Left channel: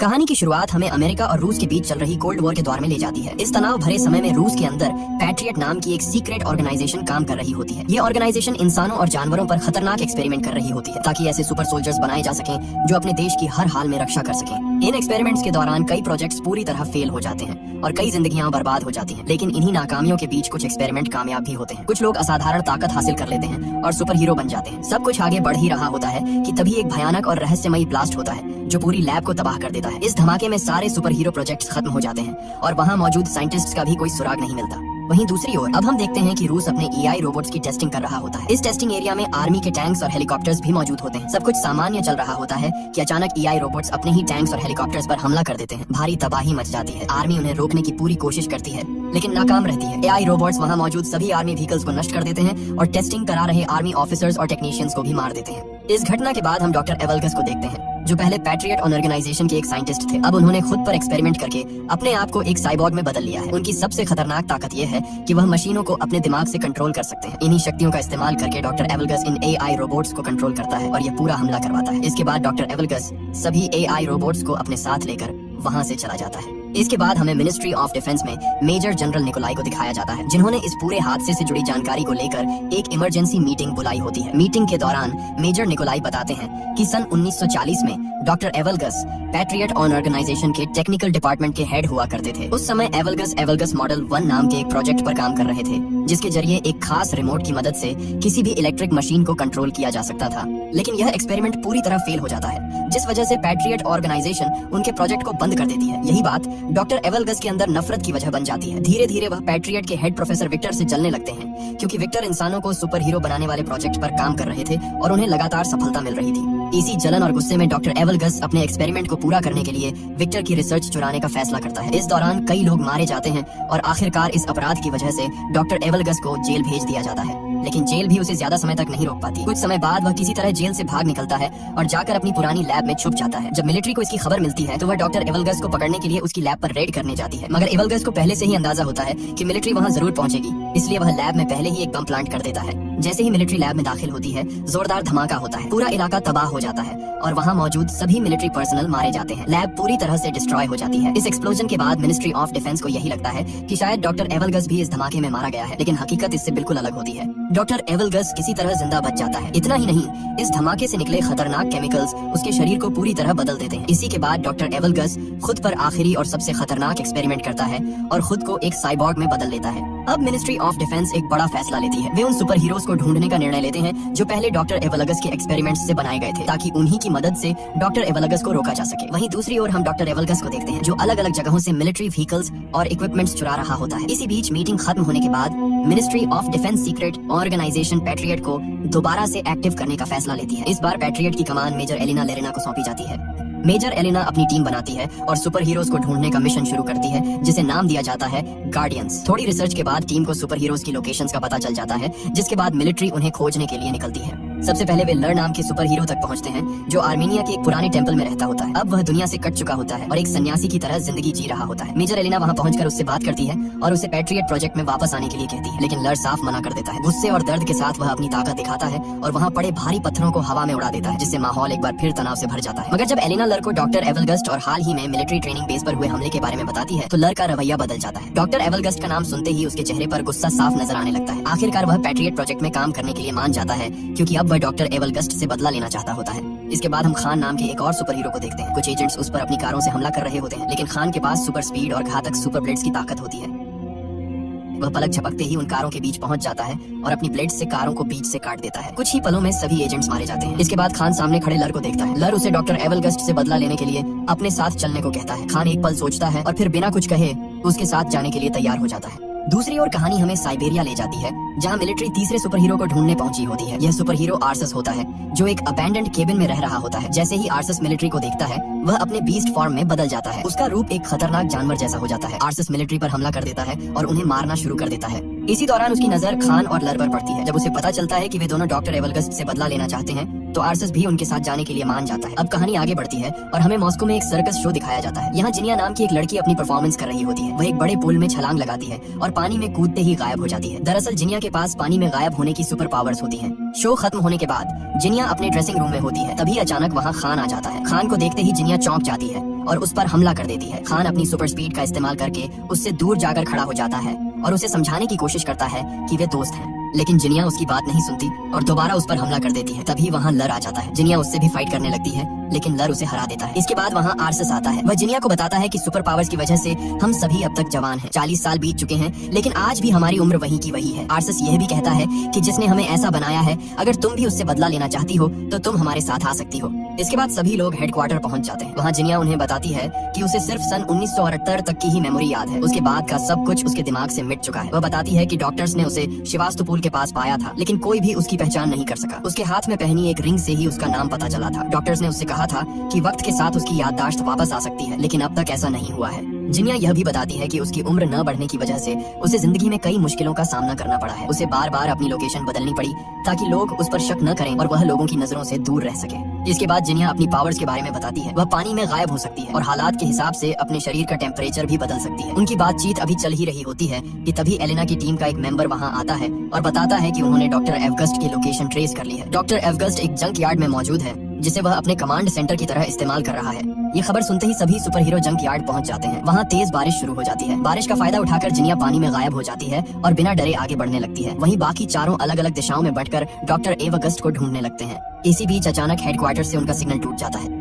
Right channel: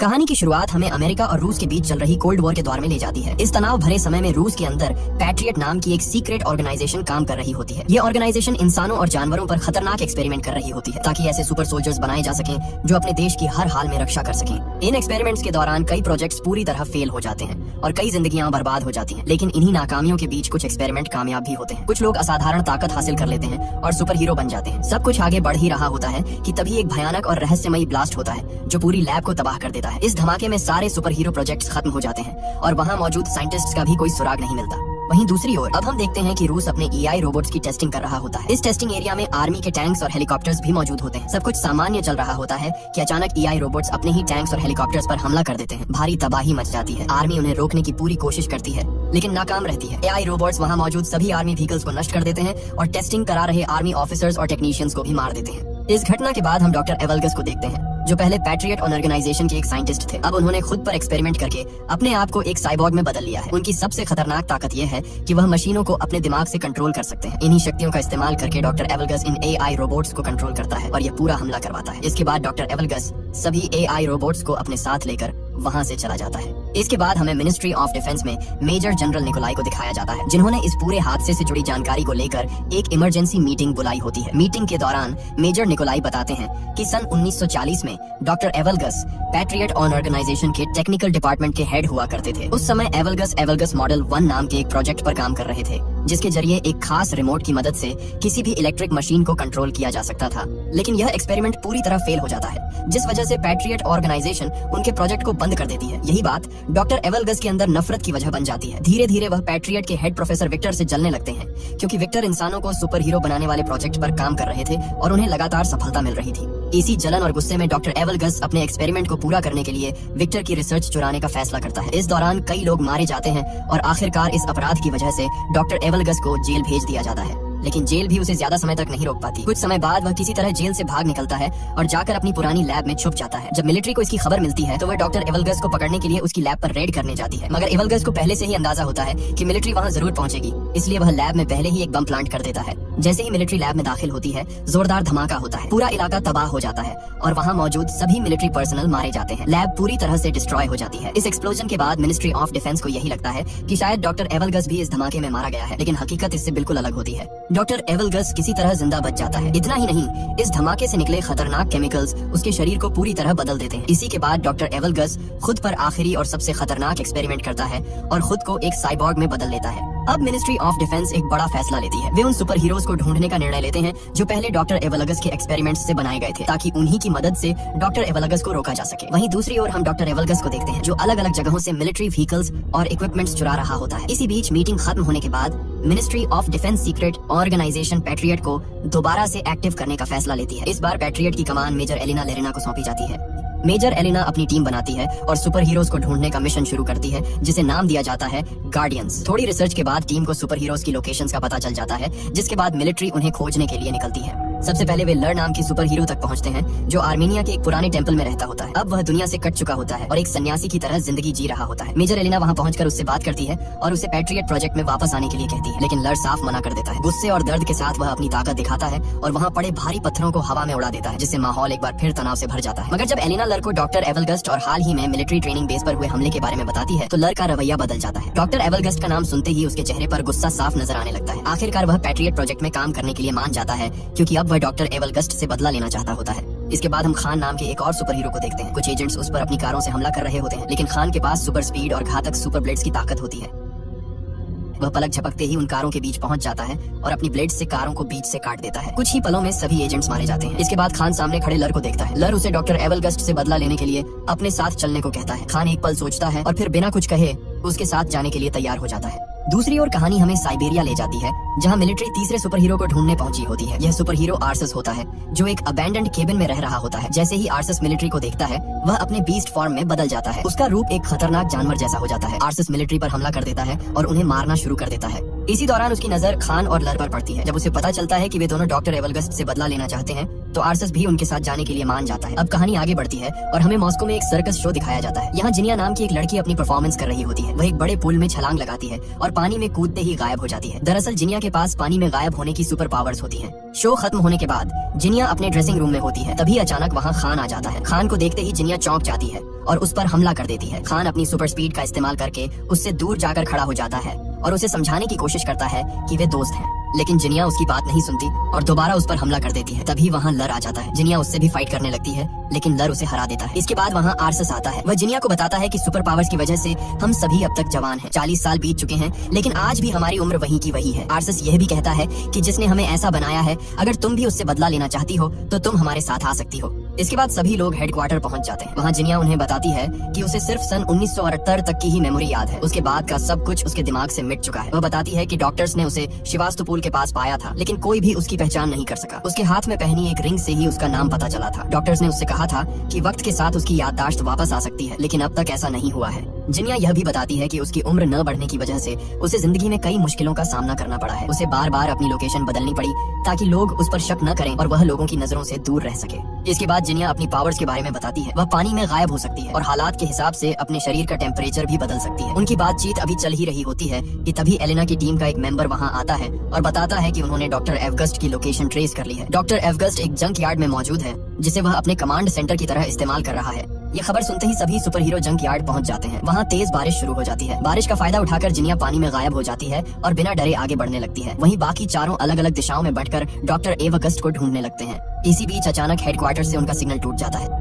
कहानी की शुरुआत हमें अमेरिका और रूस के बीच चल रही कोल्ड वॉर के दौर में ले जाती है। इस तनाव भरे समय में रूस के अंदर पैट्रियट नाम की एक सीक्रेट ऑर्गेनाइजेशन काम कर रही होती है। ये ऑर्गेनाइजेशन इंसानों और जानवरों पर खतरनाक एक्सपेरिमेंट कर रही होती है ताकि ऐसे सुपर सोल्जर्स बनाए जा सकें जो अपने देश की हर हाल में रक्षा कर सकें। इन एक्सपेरिमेंट्स के दौरान कई प्रोजेक्ट्स पूरी तरह फेल हो जाते हैं और कई जिंदगियां बर्बाद हो जाती हैं। लेकिन इन्हीं नाकामियों के बीच कुछ एक्सपेरिमेंट कामयाब भी होते हैं। कुछ लोग असाधारण ताकत हासिल कर लेते हैं और सुपर हीरो बन जाते हैं। सब कुछ आगे बढ़ ही रहा होता है कि तभी एक भयानक और रहस्यमयी ब्लास्ट होता है जो पूरी लैब को तबाह कर देता है। इस धमाके में सारे सुपर हीरो प्रोजेक्ट्स खत्म हो जाते हैं और वहाँ मौजूद साइंटिस्ट्स का भी कोई सुराग नहीं मिलता। वहीं दूसरी ओर अब हम देखते हैं कि रूस अपने एआई रोबोट्स की टेस्टिंग कर रहा होता है। इस टेस्टिंग एरिया में आर्मी के टैंक्स और हेलीकॉप्टर्स भी मौजूद होते हैं। सब कुछ सामान्य चल रहा होता है कि अचानक एआई रोबोट्स अपने ही टैंक्स और हेलीकॉप्टर्स पर हमला कर देते हैं। भारी तबाही मच जाती है। आर्मी उन्हें रोकने की पूरी कोशिश करती है लेकिन नाकाम रहती है। एआई रोबोट्स वहाँ मौजूद सभी आर्मी व्हीकल्स को नष्ट कर देते हैं और टेस्टिंग करा रहे आर्मी ऑफिसर्स और टेक्नीशियंस को भी मार देते हैं। इस घटना के बाद हम डॉक्टर एवलगस को देखते हैं जो पहले पैट्रियट ऑर्गेनाइजेशन के एक साइंटिस्ट थे। अब उन्होंने खुद पर एक्सपेरिमेंट करके अपने आप को एक साइबॉर्ग में बदल लिया है। उनकी सबसे खतरनाक ताकत यह है कि वह मशीनों को अपने दिमाग से कंट्रोल कर सकते हैं। इन्हीं शक्तियों का इस्तेमाल करके डॉक्टर एवलगस इन एआई रोबोट्स को कंट्रोल करता है और यह पूरा हमला करवाता है। इसके बाद डॉक्टर एवलगस सभी एआई रोबोट्स को अपने साथ लेकर वहाँ से चला जाता है। इसके बाद हमें मिनिस्ट्री ऑफ डिफेंस में मेजर जनरल निकोलाई को दिखाया जाता है जिन्होंने इस पूरे हादसे से जुड़ी जानकारी को लेकर एक इमरजेंसी मीटिंग बुलाई होती है। मीटिंग के दौरान मेजर निकोलाई बताते हैं कि सन 1940 में डॉक्टर एवलगस पैट्रियट ऑर्गेनाइजेशन के टेक्निकल डिपार्टमेंट के हेड हुआ करते थे। उस समय एवलगस मॉडल 1 नाम के एक प्रोजेक्ट पर काम कर रहे थे जिसके जरिए एक खास रिमोट की मदद से किसी भी इलेक्ट्रिक मशीन को कंट्रोल किया जा सकता था। लेकिन यह एक्सपेरिमेंट पूरी तरह फेल हो जाता है जिस वजह से पैट्रियट ऑर्गेनाइजेशन उनके प्रोजेक्ट को बंद कर देती है। यही बात डॉक्टर एवलगस के अंदर नफरत की वजह बन जाती है। धीरे धीरे वह पैट्रियट के हेड प्रोफेसर विक्टर से जलने लगते हैं क्योंकि विक्टर इंसानों को सुपर हीरो बनाने वाले प्रोजेक्ट पर काम कर रहे थे और उन्हें लगातार सफलता मिल रही थी। इसी जलन और गुस्से में डॉक्टर एवलगस अपने एक्सपेरिमेंट को पूरा करने के लिए विक्टर की रिसर्च चुराने का फैसला करता है। इस दौरान कई लोग मारे जाते हैं और आखिरकार इस अपराध की वजह से डॉक्टर एवलगस को जेल भेज दिया जाता है। लेकिन जेल भी उसे ज्यादा समय तक नहीं रोक पाती। कुछ समय बाद वह किसी तरह जेल से भाग निकलता है और जाकर अपनी पुरानी लैब में छुप जाता है। जब मिलिट्री को इसकी खबर मिलती है तो वह डॉक्टर एवलगस को पकड़ने के लिए उसकी लैब पर रेड करने जाती है। मगर एवलगस को पहले से ही अंदाजा होता है कि मिलिट्री वहाँ जरूर पहुंचेगी, इसलिए वह लैब में पहले ही एक बम प्लांट कर देता है। जैसे ही मिलिट्री लैब में दाखिल होती है जोरदार धमाका होता है। पूरा इलाका तबाह हो जाता है और वहाँ मौजूद सभी मिलिट्री पर्सनल मारे जाते हैं। लैब पूरी तरह से डिस्ट्रॉय हो जाती है। इस एक्सप्लोजन के बाद मिनिस्ट्री ऑफ डिफेंस को यही लगता है कि शायद डॉक्टर एवलगस भी इस धमाके में मारा गया है, लेकिन हकीकत इससे बिल्कुल अलग होती है। डॉक्टर एवलगस किसी तरह जिंदा बच जाता है। इतना ही नहीं, इस धमाके से निकले खतरनाक केमिकल्स उसके शरीर को पूरी तरह बदल देते हैं। इसी के बाद डॉक्टर एवलगस खुद पर आखिरी और सबसे खतरनाक एक्सपेरिमेंट करता है और खुद को एक साइबॉर्ग में बदल लेता है। अब मिनिस्ट्री ऑफ डिफेंस एक बड़ा फैसला लेती है। वे उन सुपर हीरोज को ढूंढने का निर्णय लेते हैं जो पहले डॉक्टर एवलगस के एक्सपेरिमेंट्स से बनाए गए थे ताकि उन्हीं की मदद से डॉक्टर एवलगस को रोका जा सके। वहीं दूसरी ओर हम डॉक्टर एवलगस को देखते हैं जो अलग अलग जगहों से मिलिट्री व्हीकल्स और इक्विपमेंट्स चुरा रहा होता है। इसी बीच मीटिंग खत्म होने के बाद ministry of defence secret organisation patriot को दोबारा से एक्टिव करने का फैसला लेती है। इस बार पैट्रियट की कमान मेजर एलिना लेरिना को सौंपी जाती है। मेजर एलिना अपनी टीम बनाती है और सुपर हीरोज को ढूंढने का मिशन शुरू करती है जिसे नाम दिया जाता है गार्डियंस। थोड़ी रिसर्च के बाद टीम को सुपर हीरोज की लोकेशंस का पता चल जाता है जिसके बाद मिलिट्री उन्हें खोजने के लिए निकलती है। सबसे पहले वे लर नाम के सुपर हीरो तक पहुंचते हैं जो आर्मेनिया के एक पुराने टेंपल में रहता होता है। अब वह दुनिया से कट चुका होता है और एक सन्यासी की तरह जिंदगी जी रहा होता है। मेजर एलिना वहां पहुंचकर उससे बात करती है और उसे पैट्रियट प्रोजेक्ट में वापस आने के लिए कहती है, लेकिन लर साफ मना कर देता है। गुस्से और दर्द के साथ वह अपनी ताकत दिखाता है और वहाँ पड़े भारी पत्थरों को हवा में उड़ा देता है जिससे माहौल एक बार फिर तनाव से भर जाता है। मगर जब एलिना लर को डॉक्टर एवलगस्ट और हाल ही में मिलिट्री ट्रेनिंग बेस पर हुए हमले के बारे में बताती है तो लर का रवैया बदल जाता है। डॉक्टर एवलगस्ट का नाम सुनते ही उसके चेहरे पर गुस्सा साफ नजर आने लगता है। आखिरकार वह पैट्रियट प्रोजेक्ट में काम करने के लिए मान जाता है क्योंकि अब वह डॉक्टर एवलगस्ट से बदला लेना चाहता होता है। इसके बाद हम खान नाम के एक और सुपर हीरो को देखते हैं। कुछ एजेंट्स उस पर अपनी कारों से हमला कर रहे होते हैं लेकिन खान के पास सुपर स्पीड और घातक सुपर ब्लेड्स की ताकत होती है। वह पलक झपकते ही उन कारों के बीच पहुंच जाता है और अपनी ब्लेड से कारों को बीच से काट देता है। कुछ ही पलों में सभी एजेंट्स मारे जाते हैं। इसके बाद खान सामने खड़े लर को देखता है। लर उसे डॉक्टर एवलगस्ट से बदला लेने के लिए अपने साथ चलने को कहता है। खान एक पल सोचता है और फिर बिना कुछ कहे उसके साथ जाने के लिए तैयार हो जाता है। दूसरी ओर कहानी हमें साइबेरिया ले जाती है जहां मिलिट्री तीसरे सुपर हीरो को ढूंढने पहुंची होती है। यह सुपर हीरो आर्सस होता है जो एक अबैंडन्ड केबिन में रह रहा होता है। जैसे ही आर्सस मिलिट्री को देखता है वह अपने बीस्ट फॉर्म में बदल जाता है। उसका रूप एक खतरनाक जानवर जैसा हो जाता है। आर्सस मिलिट्री पर हमला कर देता है और उन्हें मारना शुरू कर देता है। इसी दौरान उसकी नजर खान और लर पर पड़ती है। जब उसे पता चलता है कि वे दोनों डॉक्टर एवलगस्ट से बदला लेना चाहते हैं तो आर्सस भी उनके साथ जाने के लिए मान जाता है। अब कहानी आगे बढ़ती है और हमें मॉस्को में एक सर्कस शो दिखाया जाता है। यहाँ जिनिया नाम की एक लड़की अपनी परफॉर्मेंस कर रही होती है। वह एक बड़े पूल में छलांग लगाती है और पानी में कूदते ही गायब हो जाती है। दरअसल जिनिया के पास पानी में गायब होने की सुपर पावर्स होती है। शो खत्म होने के बाद जिनिया अपने ड्रेसिंग रूम में होती है, तभी अचानक वहाँ खान आ जाता है। खान को देखते ही जिनिया चौंक जाती है और उस पर हमला कर देती है। खान अपनी सुपर स्पीड का इस्तेमाल करके उससे दूर जाकर खड़ा हो जाता है और उसे समझाने की कोशिश करता है कि वे दोस्त हैं, लेकिन जिनिया उसकी बात नहीं सुनती और दोबारा उस पर हमला कर देती है। तभी वहाँ लर आ जाता है। जिनिया उससे भी फाइट करने लगती है, लेकिन लर उसे हरा देता है। इसके बाद वहाँ आर्सस आता है। वह जिनिया को बताता है कि सुपर पावर्स की वजह से हम सभी अब तक जवान हैं। 40 साल बीत चुके हैं, लेकिन आज भी हमारी उम्र वही की वही है। आर्सस यह भी कहता है कि जिसने हमें ऐसा बनाया है, अगर तुम भी उससे बदला लेना चाहती हो तो तुम हमारे साथ आ सकती हो। इसके बाद सभी लोग हेडक्वार्टर पहुंच जाते हैं। वहाँ जिनिया उन्हें बताती है कि उसे सिर्फ सन 1978 तक की ही मेमोरी याद है। उसके बाद का सब कुछ उसके दिमाग से मिट चुका है। वह बताती है कि डॉक्टर्स ने उसे शिवास्तुपुल के पास पाया था, लेकिन कोई भी उसकी पहचान नहीं कर सका। उसके हाथ में पहनी एक रिंग से ही उसका नाम पता चला था। डॉक्टर्स ने उससे कहा था कि वक्त के साथ उसकी याददाश्त वापस आ सकती है, लेकिन अब तक ऐसा नहीं हुआ है। जिनिया यह भी बताती है कि उसकी उम्र न बढ़ने की वजह से उसे जिंदगी में कई मुश्किलों का सामना करना पड़ा है। उसे बार बार अपनी लोकेशन बदलनी पड़ी ताकि लोग उस पर शक न करें और वह लोगों की नजरों से दूर रह सके। इसके बाद जिनिया अपनी पावर्स के बारे में बताती है। वह पानी में गायब हो सकती है और हालात के हिसाब से अपने शरीर का टेम्परेचर भी बदल सकती है। उनकी बातचीत अभी चल ही रही होती है कि तभी एलेना की टीम का एक मेंबर वहाँ आता है और बताता है कि उन्होंने डॉक्टर एवगस्ट की लोकेशन ट्रेस कर ली है। डॉक्टर एवगस्ट एक जंक यार्ड में मौजूद है, जिसे वह अपने कमांड सेंटर की तरह इस्तेमाल कर रहा है। ये खबर सुनते ही सभी सुपर हीरो जंक यार्ड पहुंच जाते हैं। वहाँ तेज बारिश शुरू हो जाती है। बारिश का फायदा उठाकर जिनिया पानी में गायब हो जाती है और बिना डरे आगे बढ़ने लगती है। वहीं बाकी चारों अलग अलग दिशाओं में बढ़कर डॉक्टर एवगस्ट को ढूंढने लगते हैं। इसी बीच अचानक हेडक्वार्टर से उनका सिग्नल टूट जाता है।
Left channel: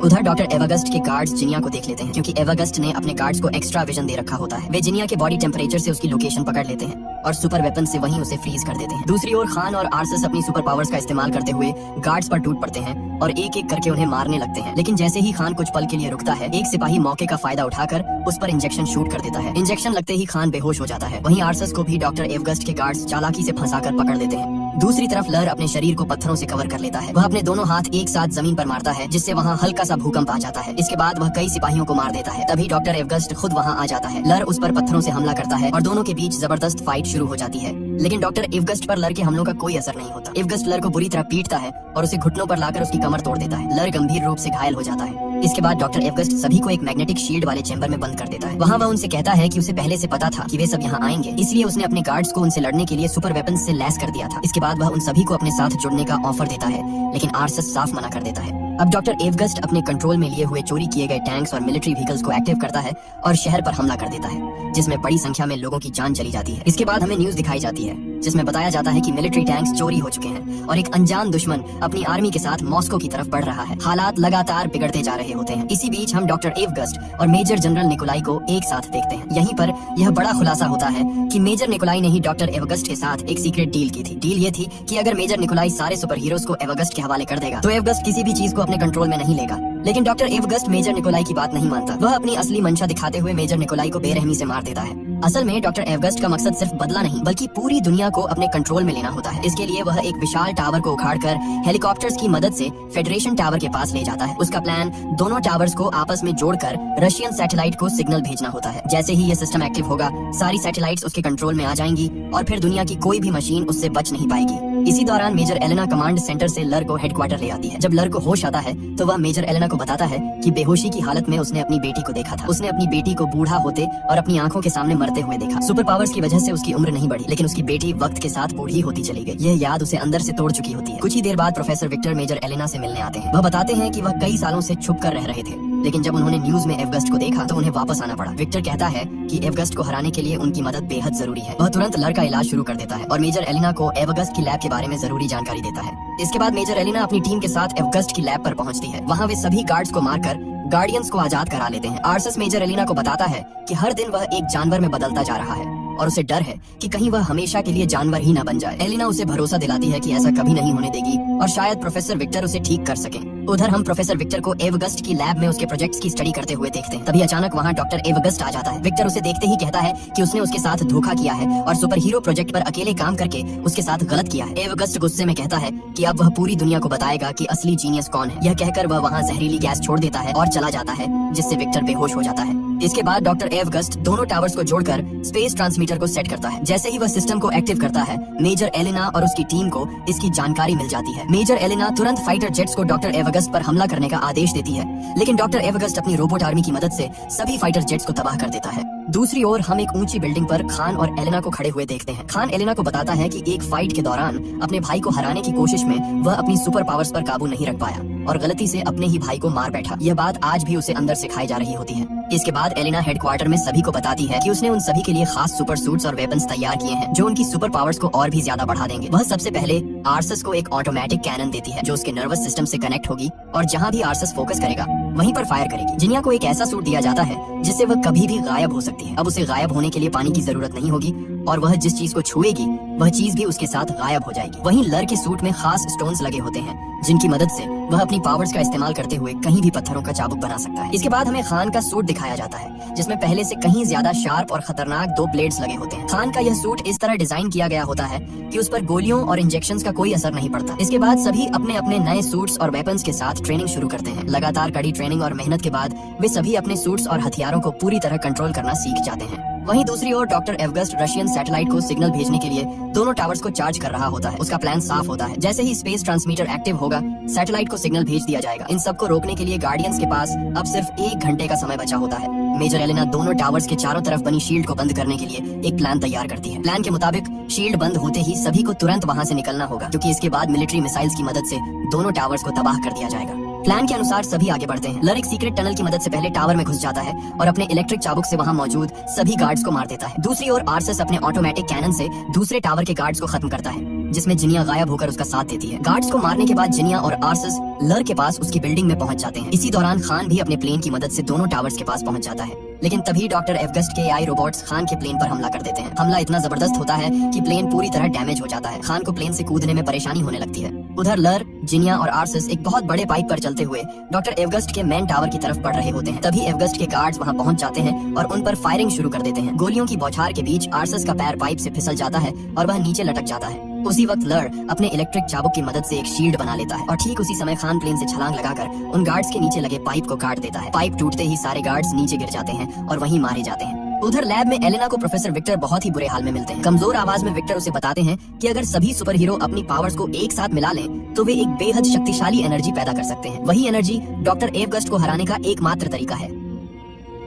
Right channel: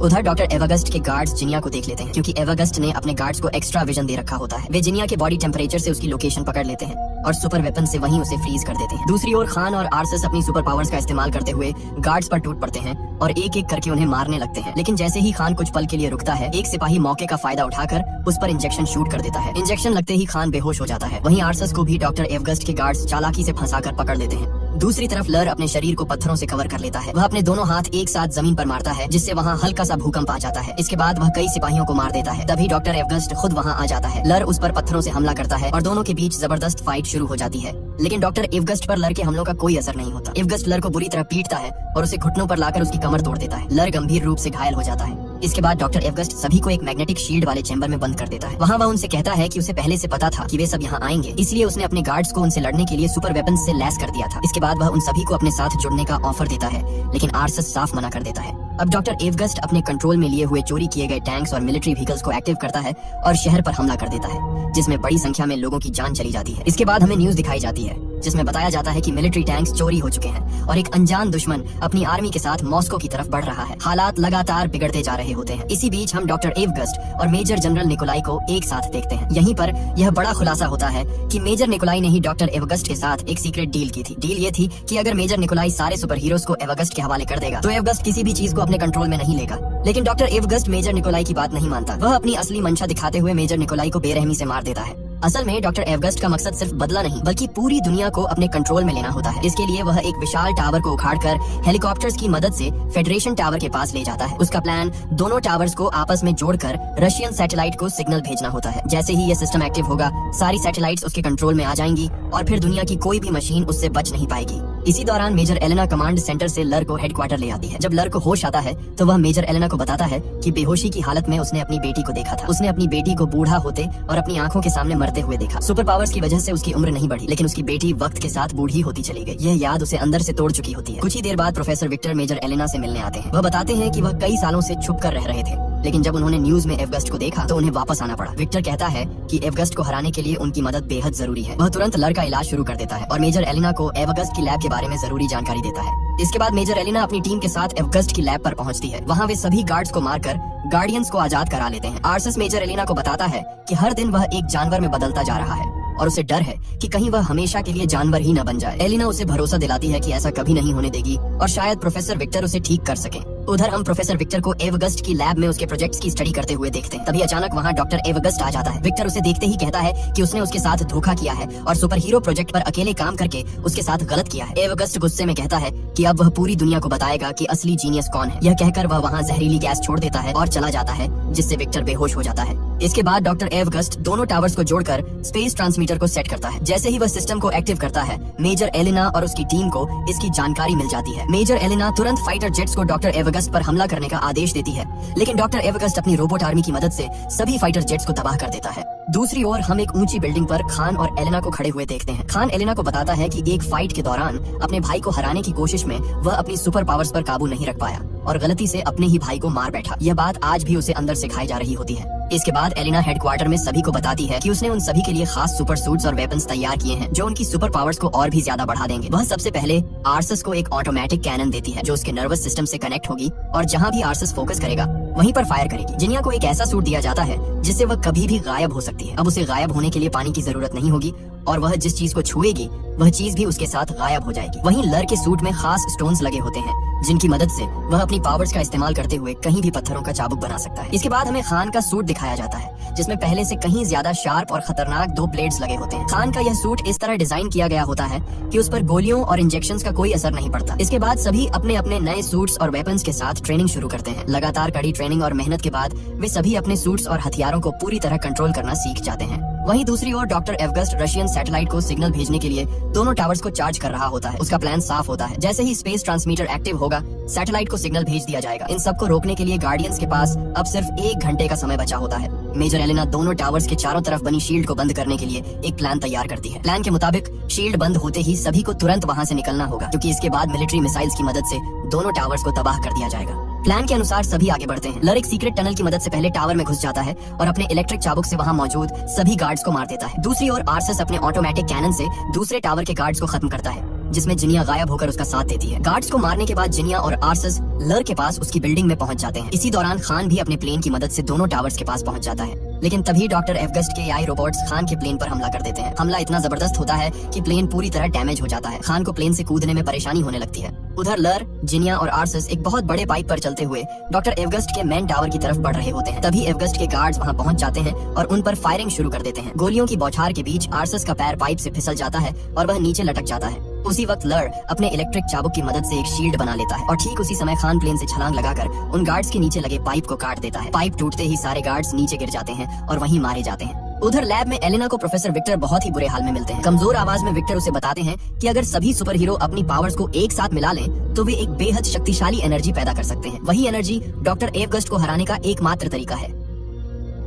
उधर डॉक्टर एवगस्ट के गार्ड्स जिनिया को देख लेते हैं, क्योंकि एवगस्ट ने अपने गार्ड्स को एक्स्ट्रा विजन दे रखा होता है। वे जिनिया के बॉडी टेम्परेचर से उसकी लोकेशन पकड़ लेते हैं और सुपर वेपन से वहीं उसे फ्रीज कर देते हैं। दूसरी ओर खान और आर्सस अपनी सुपर पावर्स का इस्तेमाल करते हुए गार्ड्स पर टूट पड़ते हैं और एक एक करके उन्हें मारने लगते हैं। लेकिन जैसे ही खान कुछ पल के लिए रुकता है, एक सिपाही मौके का फायदा उठाकर उस पर इंजेक्शन शूट कर देता है। इंजेक्शन लगते ही खान बेहोश हो जाता है। वहीं आर्सस को भी डॉक्टर एवगस्ट के गार्ड्स चालाकी से फंसाकर पकड़ लेते हैं। दूसरी तरफ लर अपने शरीर को पत्थरों से कवर कर लेता है। वह अपने दोनों हाथ एक साथ जमीन पर मारता है, जिससे वहाँ हल्का सा भूकंप आ जाता है। इसके बाद वह कई सिपाहियों को मार देता है। तभी डॉक्टर एवगस्ट खुद वहाँ आ जाता है। लर उस पर पत्थरों से हमला करता है और दोनों के बीच जबरदस्त फाइट शुरू हो जाती है। लेकिन डॉक्टर एवगस्ट पर लर के हमलों का कोई असर नहीं होता। एवगस्ट लर को बुरी तरह पीटता है और उसे घुटनों पर लाकर उसकी कमर तोड़ देता है। लर गंभीर रूप से घायल हो जाता है। इसके बाद डॉक्टर एवगस्ट सभी को एक मैग्नेटिक शील्ड वाले चेंबर में बंद कर देता है। वहाँ वह उनसे कहता है कि उसे पहले से पता था कि वे सब यहाँ आएंगे, इसलिए उसने अपने गार्ड्स को उनसे लड़ने के लिए सुपर वेपन से लैस कर दिया था। इसके बाद वह उन सभी को अपने साथ जुड़ने का ऑफर देता है, लेकिन आर्सस साफ मना कर देता है। अब डॉक्टर एवगस्ट अपने कंट्रोल में लिए हुए चोरी किए गए टैंक्स और मिलिट्री व्हीकल्स को एक्टिव करता है और शहर पर हमला कर देता है, जिसमें बड़ी संख्या में लोगों की जान चली जाती है। इसके बाद हमें न्यूज दिखाई जाती है, जिसमें बताया जाता है कि मिलिट्री टैंक्स चोरी हो चुके हैं और एक अनजान दुश्मन अपनी आर्मी के साथ मॉस्को की तरफ बढ़ रहा है। हालात लगातार बिगड़ते जा रहे होते हैं। इसी बीच हम डॉक्टर एवगस्ट और मेजर जनरल निकोलाई को एक साथ देखते हैं। यहीं पर यह बड़ा खुलासा होता है कि मेजर निकोलाई ने ही डॉक्टर एवगस्ट के साथ एक सीक्रेट डील की थी। डील ये थी कि अगर मेजर निकोलाई सारे सुपर हीरोज को एवगस्ट के हवाले कर देगा तो एवगस्ट किसी भी चीज को अपने कंट्रोल में नहीं लेगा। लेकिन डॉक्टर एवगस्ट मेजर निकोलाई की बात नहीं मानता। वह अपनी असली मंशा दिखाते हुए मेजर निकोलाई को बेरहमी से मार देता है। असल में डॉक्टर एवगस्ट का मकसद सिर्फ बदला नहीं, बल्कि पूरी दुनिया को अपने कंट्रोल में लेना होता है। इसके लिए वह एक विशाल टावर को उखाड़कर हेलीकॉप्टर्स की मदद से फेडरेशन टावर के पास ले जाता है। उसका प्लान दोनों टावर्स को आपस में जोड़कर रशियन सैटेलाइट को सिग्नल भेजना होता है। जैसे ही यह सिस्टम एक्टिव होगा, सारी सैटेलाइट्स उसके कंट्रोल में आ जाएंगी और फिर दुनिया की कोई भी मशीन उससे बच नहीं पाएगी। इसी दौरान मेजर एलेना कमांड सेंटर से लर को हेडक्वार्टर ले आती है। जब लर को होश आता है तो वह मेजर एलेना को बताता है कि बेहोशी की हालत में उसने अपनी बेटी को देखा था। उसने अपनी बेटी को बूढ़ा होते और अपनी आंखों के सामने मरते हुए देखा। सुपर पावर्स की वजह से उसकी उम्र नहीं बढ़ी, लेकिन उसकी बेटी वक्त के साथ बूढ़ी होती चली गई। यह याद उसे अंदर से तोड़ चुकी होती है। कुछ ही देर बाद प्रोफेसर विक्टर मेजर एलेना से मिलने आते हैं। वह बताते हैं कि वह कई सालों से छुप कर रह रहे थे, लेकिन जब उन्होंने न्यूज में एवगस्ट को देखा तो उन्हें वापस आना पड़ा। विक्टर कहता है कि एवगस्ट को हराने के लिए उनकी मदद बेहद जरूरी है। वह तुरंत लर का इलाज शुरू कर देता है और मेजर एलेना को एवगस्ट की लैब के बारे में जरूरी जानकारी देता है। इसके बाद मेजर एलेना अपनी टीम के साथ एवगस्ट की लैब पर पहुंचती है। वहाँ वे सभी गार्ड्स को मारकर गार्डियंस को आजाद करा लेते हैं। आर्सस मेजर एलेना को बताता है कि हर दिन वह एक जानवर में बदलता जा रहा है और उसे डर है कि कहीं वह हमेशा के लिए जानवर ही न बन जाए। एलेना उसे भरोसा दिलाती है कि ऐसा कभी नहीं होने देगी और शायद प्रोफेसर विक्टर उसे ठीक कर सकें। उधर हम प्रोफेसर विक्टर को एवगस्ट की लैब में उसके प्रोजेक्ट्स की स्टडी करते हुए देखते हैं। तभी अचानक वहाँ डॉक्टर एवगस्ट आ जाता है। विक्टर उसे देखते ही कहता है कि उसने उसके साथ धोखा किया है और सुपर हीरो प्रोजेक्ट पर अकेले काम करके उसके साथ गलत किया है। एवगस्ट गुस्से में कहता है कि अब वह पूरी दुनिया को बताएगा कि असली जीनियस कौन है। यह कहकर वह वहाँ जहरीली गैस छोड़ देता है और चला जाता है, जिससे विक्टर बेहोश हो जाता है। इसके बाद डॉक्टर एवगस्ट दोनों टावर्स को जोड़कर स्पेस ट्रांसमीटर को सेट करता है। जैसे ही वह सिस्टम को एक्टिव करता है, मेजर एलिना और उसकी टीम को इसकी जानकारी मिल जाती है। मेजर एलिना तुरंत फाइटर जेट्स को डॉक्टर एवगस्ट पर हमला करने का आदेश देती है, लेकिन डॉक्टर एवगस्ट अपनी रोबोट आर्मी की मदद से सभी फाइटर जेट्स को तबाह कर देता है। दूसरी ओर हम एक ऊंची बिल्डिंग पर खान और एलेना को खड़े हुए देखते हैं। खान एलेना को बताता है कि एक फाइट के दौरान अपने भाई को हराने की कोशिश में वह अपनी सुपर पावर्स पर काबू नहीं रख पाया और गलती से अपने ही भाई को मार बैठा। यह बात आज भी उसे अंदर से खाई जा रही होती है। इसके बाद एलिना हेडक्वार्टर में सभी को बताती है कि उसने उन सभी के लिए खास सुपर सूट्स और वेपन्स तैयार किए हैं जो उनकी सुपर पावर्स को और भी ज्यादा बढ़ा देंगे। वह सबसे पहले आर्सस को एक ऑटोमेटिक कैनन देती है जो उसके नर्वस सिस्टम से कनेक्ट होगी और जहाँ भी आर्सस फोकस करेगा वहीं पर फायर करेगी। जिनिया को एक ऐसा सूट दिया जाता है जिससे वह कभी भी गायब हो सकती है। अब उसे गायब होने के लिए पानी की जरूरत नहीं होगी और वह जिस चीज को छुएगी वह चीज भी उसके साथ गायब हो जाएगी। वहीं लर के सूट में खास स्टोन्स लगे होते हैं जिनकी मदद से वह अपनी पावर्स का इस्तेमाल करते हुए कहीं भी पत्थरों का चाबुक बना सकता है। इसके बाद हमें खान का सूट दिखाया जाता है जिसमें पहले से कहीं ज्यादा शार्प और खतरनाक 2 ब्लेड्स लगे होते हैं। खान का यह सूट इस तरह डिजाइन किया गया होता है कि उस पर गोलियों और इंजेक्शंस का कोई असर नहीं पड़ता। इसके बाद सभी अपने अपने नए सूट्स और वेपन्स के साथ ट्रेनिंग शुरू करते हैं। लगातार कड़ी ट्रेनिंग और मेहनत के बाद वे सभी अपने सूट्स और हथियारों को पूरी तरह कंट्रोल करना सीख जाते हैं। वहीं दूसरी ओर डॉक्टर एवगस्ट रशियन सैटेलाइट को सिग्नल भेजने के लिए दोनों टावर्स को चार्ज कर रहा होता है। उसका प्लान साफ होता है। जैसे ही स्पेस ट्रांसमीटर एक्टिव होगा, सैटेलाइट को सिग्नल भेज दिया जाएगा। इन सबको रोकने के लिए गार्डियंस के पास अब सिर्फ 1 घंटे का समय बचा होता है। मेजर एलेना दोनों टावर्स के चारों तरफ बनी शील्ड को बंद करने के लिए एक प्लान तैयार करती है। प्लान के मुताबिक शील्ड बंद होते ही सभी को तुरंत वहां से निकलना होगा क्योंकि इसके बाद मिलिट्री मिसाइल्स की मदद से दोनों टावर्स को तबाह कर दिया जाएगा। प्लान के अनुसार सभी आगे बढ़ते हैं। लर एक सीक्रेट टनल की मदद से पहले टावर में घुस जाता है और अपने इलेक्ट्रिक चाबुक से वहां मौजूद सभी गार्ड्स को मार देता है। दूसरी ओर आर्सस अपने ऑटोमेटिक कैनन से दूसरे टावर के गार्ड्स को खत्म करता है जिसमें जिनिया गायब होकर उसका साथ देती है। गार्ड्स को मारने के बाद जिनिया और आर्सस लर के पास उसकी बिल्डिंग में पहुंच जाते हैं। इसी दौरान खान भी अपने प्लेन की मदद से दोनों टावर्स के पास पहुंच जाता है, लेकिन तभी डॉक्टर एवगस्ट के AI रोबोट्स खान के प्लेन पर हमला कर देते हैं। हमला इतना जबरदस्त होता है कि प्लेन पूरी तरह डैमेज हो जाता है। खान को प्लेन से कूदने में परेशानी होने लगती है। उधर लर, जिनिया और आर्सस एक बहुत बड़े पाइप पर चलते हुए डॉक्टर एवगस्ट के मेन टावर की तरफ बढ़ रहे होते हैं। तभी एवगस्ट के गार्ड्स वहां पहुंच जाते हैं और उन पर फायरिंग शुरू कर देते हैं। गोलियों की बौछार के बीच आर्सस का पैर पाइप से फिसल जाता है और वह नीचे लटक जाता है। उसी वक्त लर अपने इलेक्ट्रिक चाबुक की मदद से एक शील्ड बना लेता है और ठीक उसी समय खान प्लेन से छलांग लगाकर उन गार्ड्स के नीचे लगे पाइप को काट देता है। पाइप टूटते ही सारे गार्ड्स नीचे गिर जाते हैं और वहीं मारे जाते हैं। उधर लैब में एलेना को प्रोफेसर विक्टर बहुत ही बुरे हाल में मिलते हैं। कमजोर आवाज में विक्टर उसे बताते हैं कि अगर सभी सुपर हीरो अपनी पावर्स को एक साथ मिला लें तो वे एक बेहद शक्तिशाली एनर्जी पैदा कर सकते हैं। वही एनर्जी डॉक्टर एवगस्ट को हराने का एकमात्र तरीका है।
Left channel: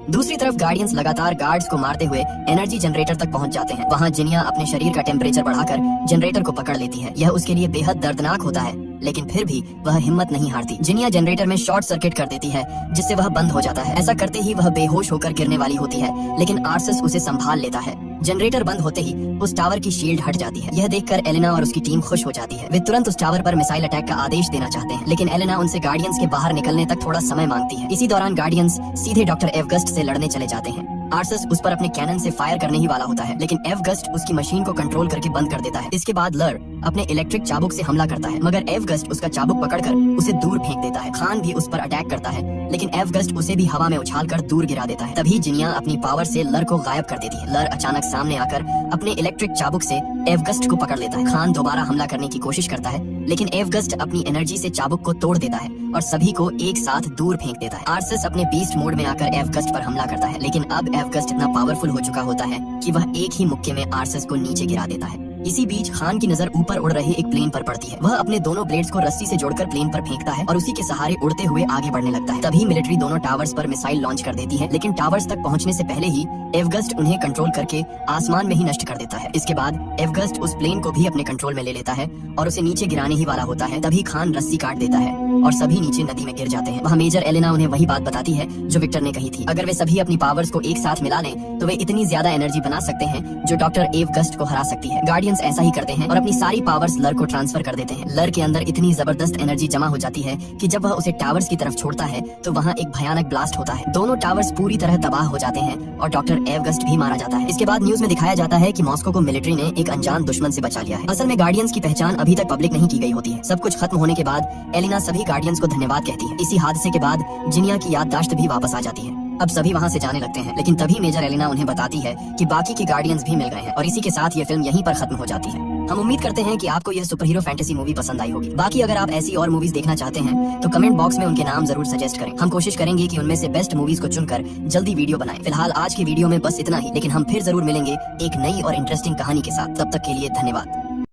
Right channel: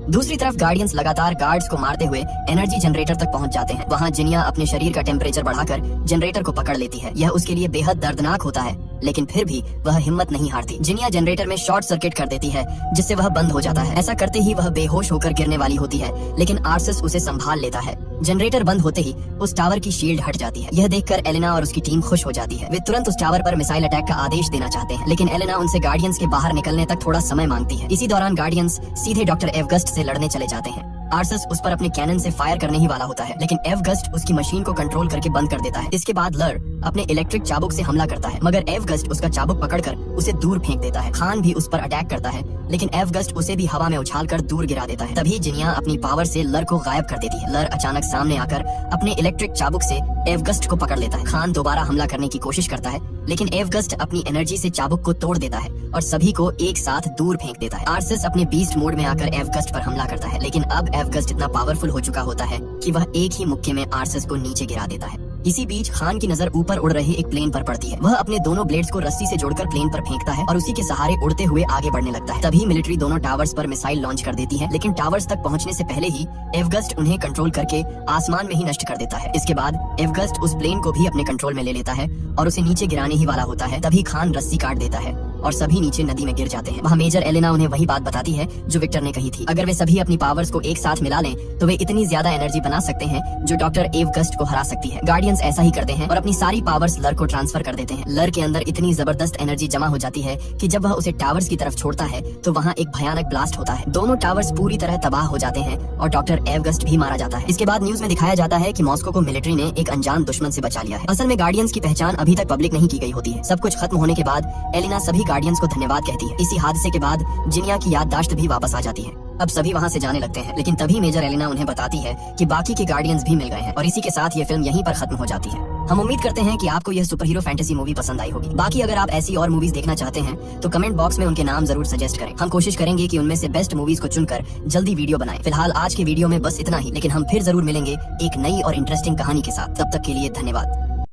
दूसरी तरफ गार्डियंस लगातार गार्ड्स को मारते हुए एनर्जी जनरेटर तक पहुंच जाते हैं। वहां जिनिया अपने शरीर का टेम्परेचर बढ़ाकर जनरेटर को पकड़ लेती है। यह उसके लिए बेहद दर्दनाक होता है, लेकिन फिर भी वह हिम्मत नहीं हारती। जिनिया जनरेटर में शॉर्ट सर्किट कर देती है जिससे वह बंद हो जाता है। ऐसा करते ही वह बेहोश होकर गिरने वाली होती है, लेकिन आर्सस उसे संभाल लेता है। जनरेटर बंद होते ही उस टावर की शील्ड हट जाती है। यह देखकर एलेना और उसकी टीम खुश हो जाती है। वे तुरंत उस टावर पर मिसाइल अटैक का आदेश देना चाहते हैं, लेकिन एलेना उनसे गार्डियंस के बाहर निकलने तक थोड़ा समय मांगती है। इसी दौरान गार्डियंस सीधे डॉक्टर एवगस्ट से लड़ने चले जाते हैं। आर्सस उस पर अपने कैनन से फायर करने ही वाला होता है, लेकिन एवगस्ट उसकी मशीन को कंट्रोल करके बंद कर देता है। इसके बाद लर अपने इलेक्ट्रिक चाबुक से हमला करता है, मगर एवगस्ट उसका चाबुक पकड़कर उसे दूर फेंक देता है। खान भी उस पर अटैक करता है, लेकिन एवगस्ट उसे भी हवा में उछालकर दूर गिरा देता है। तभी जिनिया अपनी पावर से लर को गायब कर देती है। लर अचानक सामने आकर अपने इलेक्ट्रिक चाबुक से एवगस्ट को पकड़ लेता है। खान दोबारा हमला करने की कोशिश करता है, लेकिन एवगस्ट अपनी एनर्जी से चाबुक को तोड़ देता है और सभी को एक साथ दूर फेंक देता है। आर्सस अपने बीस्ट मोड में आकर एवगस्ट पर हमला करता है, लेकिन अब एवगस्ट इतना पावरफुल हो चुका होता है कि वह एक ही मुक्के में आर्सस को नीचे गिरा देता है। इसी बीच खान की नजर ऊपर उड़ रहे एक प्लेन पर पड़ती है। वह अपने दोनों ब्लेड्स को रस्सी से जोड़कर प्लेन पर फेंकता है और उसी के सहारे उड़ते हुए आगे बढ़ने लगता है। तभी मिलिट्री दोनों टावर्स पर मिसाइल लॉन्च कर देती है, लेकिन टावर्स तक पहुंचने से पहले ही एवगस्ट उन्हें कंट्रोल करके आसमान में ही नष्ट कर देता है। इसके बाद एवगस्ट उस प्लेन को भी अपने कंट्रोल में ले लेता है और उसे नीचे गिराने ही वाला होता है। तभी खान रस्सी काट देता है और सभी नीचे नदी में गिर जाते हैं। वहाँ मेजर एलेना उन्हें वही बात बताती है जो विक्टर ने कही थी। अगर वे सभी अपनी पावर्स को एक साथ मिला लें तो वे इतनी ज्यादा एनर्जी बना सकते हैं जो डॉक्टर एवगस्ट को हरा सकती है। गार्डियंस ऐसा ही करते हैं और अपनी सारी पावर्स लर को ट्रांसफर कर देते हैं। लर के अंदर इतनी जबरदस्त एनर्जी जमा हो जाती है कि जब वह उसे टावर्स की तरफ छोड़ता है तो वहाँ एक भयानक ब्लास्ट होता है। दोनों टावर्स पूरी तरह तबाह हो जाते हैं और डॉक्टर एवगस्ट भी मारा जाता है। इसके बाद न्यूज में दिखाया जाता है कि मॉस्को को मिलिट्री ने एक अनजान दुश्मन से बचा लिया है। असल में गार्डियंस की पहचान अभी तक पब्लिक नहीं की गई होती है। सब कुछ खत्म होने के बाद एलिना सभी गार्डियंस को धन्यवाद कहती है। इसी हादसे के बाद जिनिया की याददाश्त भी वापस आ जाती है। अब सभी वहाँ से जाने लगते हैं, लेकिन तभी मेजर एलिना उन्हें बताती है कि बाकी के गार्डियंस भी मिल गए हैं और इसी के साथ ये फिल्म यहीं पर खत्म हो जाती है। हम उम्मीद करते हैं कि आपको यह सुपर हीरो फैंटेसी मूवी पसंद आई होगी। बाकी अगर आप ऐसी और मूवीज देखना चाहते हैं तो कमेंट बॉक्स में उनके नाम जरूर सजेस्ट करें। हम कोशिश करेंगे कि उनमें से बेस्ट मूवीज को चुनकर जल्दी वीडियो बनाएं। फिलहाल आज के वीडियो में बस इतना ही, लेकिन हम फिर जरूर मिलेंगे एक नई और इंटरेस्टिंग कहानी के साथ। तब तक के लिए धन्यवाद।